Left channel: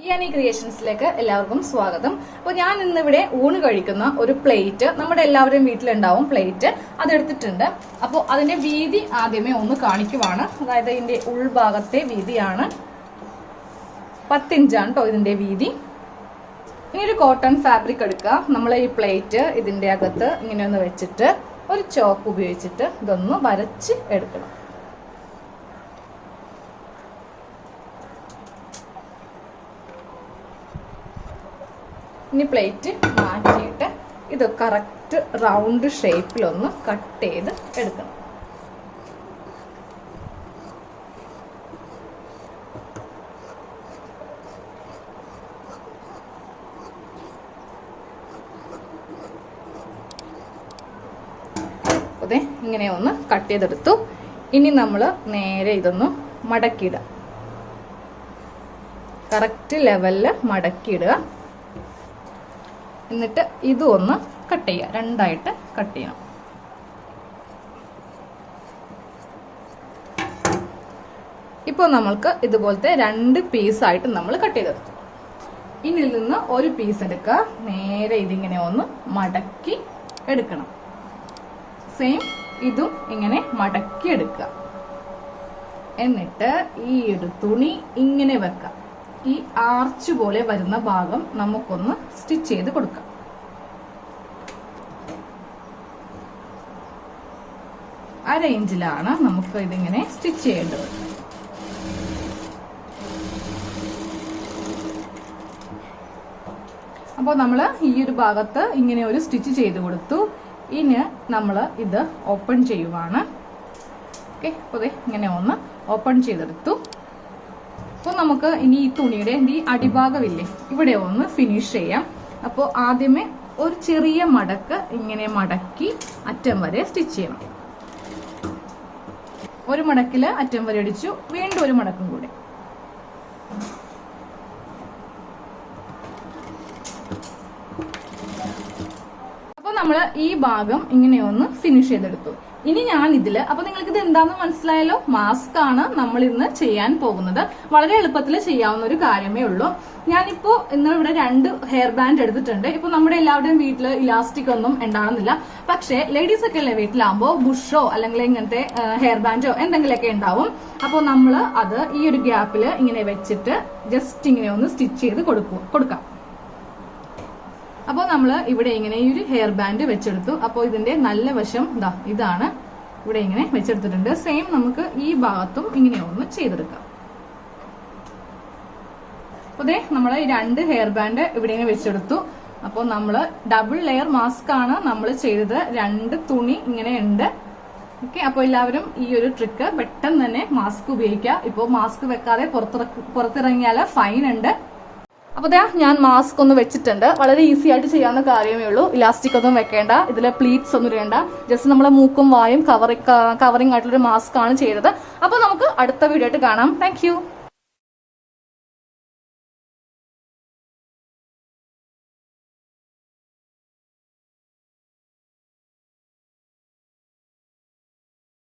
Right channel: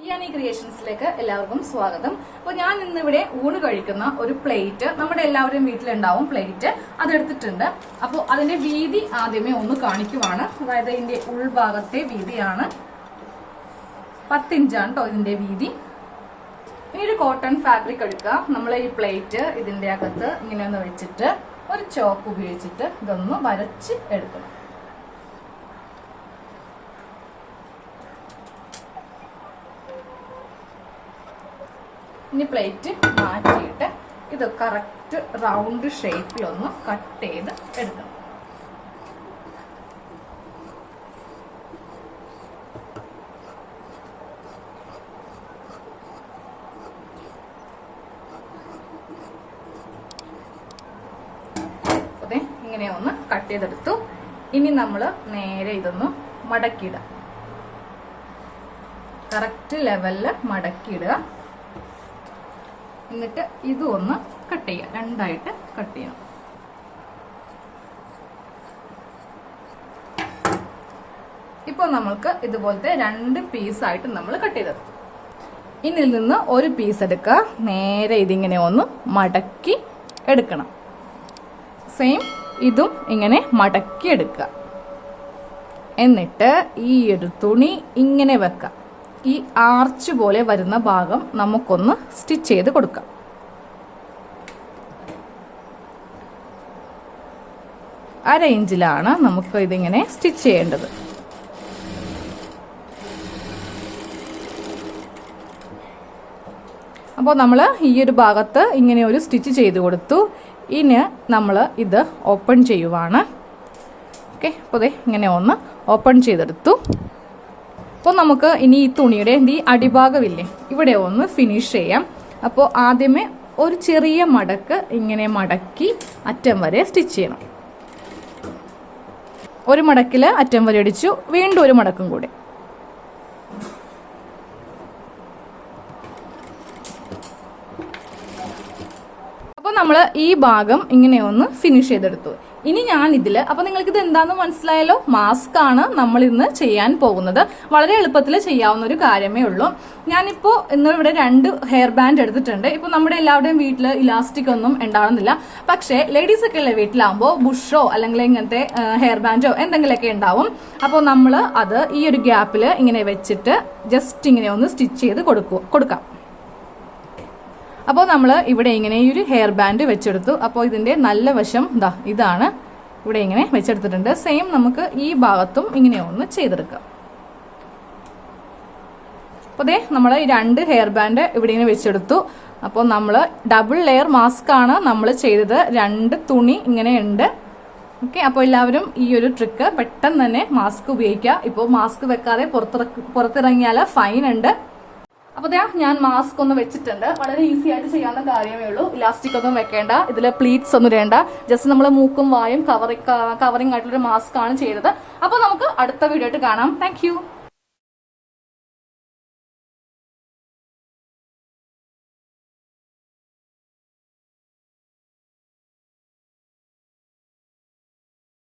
ഇയാനി ക്രിയേഷൻസിലേക്ക് എല്ലാവർക്കും സ്വാഗതം. അപ്പോൾ ഞാൻ ഇന്നിവിടെ ഊണ് കഴിക്കുന്ന ഒരു പ്ലേറ്റ്, നമ്മുടെ എല്ലാവരുടെയും വീട്ടിലുണ്ടാവും പ്ലേറ്റ്, അതെടുത്തിട്ടുണ്ട്. അപ്പോൾ അതിന്റെ വീതി ആദ്യമേ ഒന്ന് കാണിക്കുവാണ്. അതായത് ഇതിന്റെ ഉൾഭാഗത്തെ വീതിയാണ് 10 ഇഞ്ചാണ് കേട്ടോ ഇതിന്റെ വീതി. ഇനി ഒരു കോട്ടൺ ഫാബ്രിക് എടുക്കുക. നമ്മൾ ഈ പ്ലേറ്റ് ഇതിന്റെ അകത്ത് ഇങ്ങനെ ഒന്ന് വെച്ചിട്ട് ഒരു ചോക്ക് ഉപയോഗിച്ചിട്ട് ഇതൊന്ന് വരച്ച് എടുക്കണം. ഇനി പ്ലേറ്റ് മാറ്റിയിട്ട് ഇത് കറക്റ്റ് റൗണ്ട് ഷേപ്പിലൊന്ന് കട്ട് ചെയ്ത് എടുക്കണം. അതെ, ഇങ്ങനെ ഒന്ന് കട്ട് ചെയ്തെടുത്തു. ഇനി നമ്മൾ നേരെ ഇതൊന്ന് മടക്കിയിടുക. കറക്റ്റ് ലെവലിൽ മടക്കിയിടുക. എന്നിട്ട് ഇതും ഒന്ന് കട്ട് ചെയ്യുക, രണ്ടായിട്ട് കട്ട് ചെയ്യണം. ഇപ്പോൾ നമ്മൾക്ക് ഇതുപോലത്തെ 2 പീസായിട്ട് നമ്മൾ കട്ട് ചെയ്തെടുത്തു. ഇതിൽ നിന്ന് ഒരു പീസ് എടുക്കുക, നേരെ ഇതിങ്ങനെ ഒന്ന് മടക്കി എടുക്കണം. സെയിം ഇതും ഇങ്ങനെ മടക്കി എടുക്കുക. എന്നിട്ട് ഈ ഒരു തുണി ഇങ്ങനെ വെക്കാം. ഈ ആർച്ച് പോലെ വരുന്ന ഭാഗം നമുക്കൊന്ന് സ്റ്റിച്ച് ചെയ്ത് കൊടുക്കാം. അര ഇഞ്ചിലാണ് നമുക്ക് ഇതിങ്ങനെ സ്റ്റിച്ച് ചെയ്യേണ്ടത്. അപ്പോൾ നമ്മൾ ഈ ഒരു ഭാഗത്ത് ഇങ്ങനെ ഒരു സ്റ്റിച്ച് ചെയ്ത് കൊടുത്തു. ഇനി നമ്മൾ ഇത് ഓപ്പൺ ചെയ്യുവാണ്. ഓക്കെ, അപ്പോൾ ഇങ്ങനെ ഒന്ന് ഓപ്പൺ ചെയ്തെടുത്തു. അപ്പോൾ നമുക്ക് ഇനി ഈ തുണിയുടെ ഈ അടിഭാഗമില്ലേ, ഇവിടെ ഒന്ന് ഫിനിഷ് ചെയ്യാം. അപ്പോൾ ആദ്യമേ ഒരു ചെറിയ മടക്ക് ഇങ്ങനെ മടക്കി അറ്റം വരെ സ്റ്റിച്ച് ചെയ്യണം. ഒരു മടക്കിൽ അറ്റം വരെ അടിച്ചു, വീണ്ടും ഒരു മടക്കും കൂടി. അപ്പോൾ നമ്മൾ ഈ ഭാഗം ഇങ്ങനെ ഒന്ന് ഫിനിഷ് ചെയ്തെടുത്തു. ഇനി ഞാൻ ഇതില്, അപ്പൊ നിങ്ങൾക്ക് ഇത് എന്താണെന്ന് മനസ്സിലായല്ലോ, മാസ്ക് ആണ് നമ്മൾ ഇന്ന് ചെയ്യാൻ പോകുന്നത്. വളരെ എളുപ്പത്തിൽ ചെയ്യാവുന്ന ഒരു കാര്യമേ ഉള്ളൂ. ഞാനിപ്പോ ഇന്നിവിടെ 2 ഹെയർ ബാൻഡ് എടുത്തിട്ടുണ്ട്. ഇപ്പൊ നമ്മുടെ എല്ലാവരുടെയും വീട്ടിൽ ഇലാസ്റ്റിക് ഒന്നും ഉണ്ടാവുന്നില്ല. പക്ഷേ ലേഡീസ് ഒക്കെ ഉള്ള വീട്ടിലാകുമ്പോൾ ബുഷോ അല്ലെങ്കിൽ ഇങ്ങനത്തെ ഹെയർ ബാൻഡോ എന്തെങ്കിലുമൊക്കെ ഉണ്ടാവും. അപ്പോൾ നമ്മൾ അത് ഈ ഒരു ഗ്യാപ്പിൽ ഇങ്ങനെ വെച്ചിട്ട് ജസ്റ്റ് ഇങ്ങനെ ഒന്ന് സ്റ്റിച്ച് ചെയ്ത് കൊടുക്കാം. അപ്പോൾ നമ്മൾ ഇവിടെ ഇങ്ങനെ ഈ ഒരു ഹെയർ ബാൻഡ് വെച്ചെടുത്തു. അപ്പോൾ ഇതിന്റെ നല്ല വശം ഇതാണ്, ഇവിടെ ഇങ്ങനെ വെച്ചെടുത്തിട്ടുണ്ട്. സെയിം നമുക്ക് ഈ ഭാഗത്തും ഇങ്ങനെ ഒന്ന് ചെയ്തെടുക്കാം. അപ്പോൾ നമ്മൾ ഈ 2 ഹെയർ ബാൻഡ് ഇവിടെ ഇങ്ങനെ വെച്ചെടുത്തു. അപ്പോൾ നമ്മൾ ഡബിൾ ലെയർ മാസ്ക് ആണ് നമ്മൾ ചെയ്തത്. 2 തുണി ഇങ്ങനെ ഉണ്ട്. ഓക്കെ, അപ്പോൾ എല്ലാവരും ഈ ഒരു ട്രിക്ക് പെട്ടെന്ന് തന്നെ മാസ്ക് ഉപയോഗിക്കുക. ഇപ്പോൾ മാസ്ക് വെക്കാതെ പുറത്തിറങ്ങിയാൽ ഫൈൻ ഉണ്ട്. അപ്പോൾ ഞാൻ മാസ്ക് ഒന്ന് വെച്ചിട്ടുണ്ട്. വളരെ ഈസി ആയിട്ട് ചെയ്യാവുന്ന കാര്യമേ ഉള്ളൂ. ഇലാസ്റ്റിക് ഒന്നും വെക്കേണ്ട, ഇതിൽ പ്ലീറ്റ്സ് ഒന്നും ഇടേണ്ട. ജസ്റ്റ് നമ്മൾ മൂക്കും വായും കവറിംഗ് ആയിട്ടുള്ളൊരു മാസ്ക് ആണ് ചെയ്തത്. അപ്പോൾ നമുക്ക് അടുത്ത വീഡിയോ ആയിട്ട് കാണാം. താങ്ക്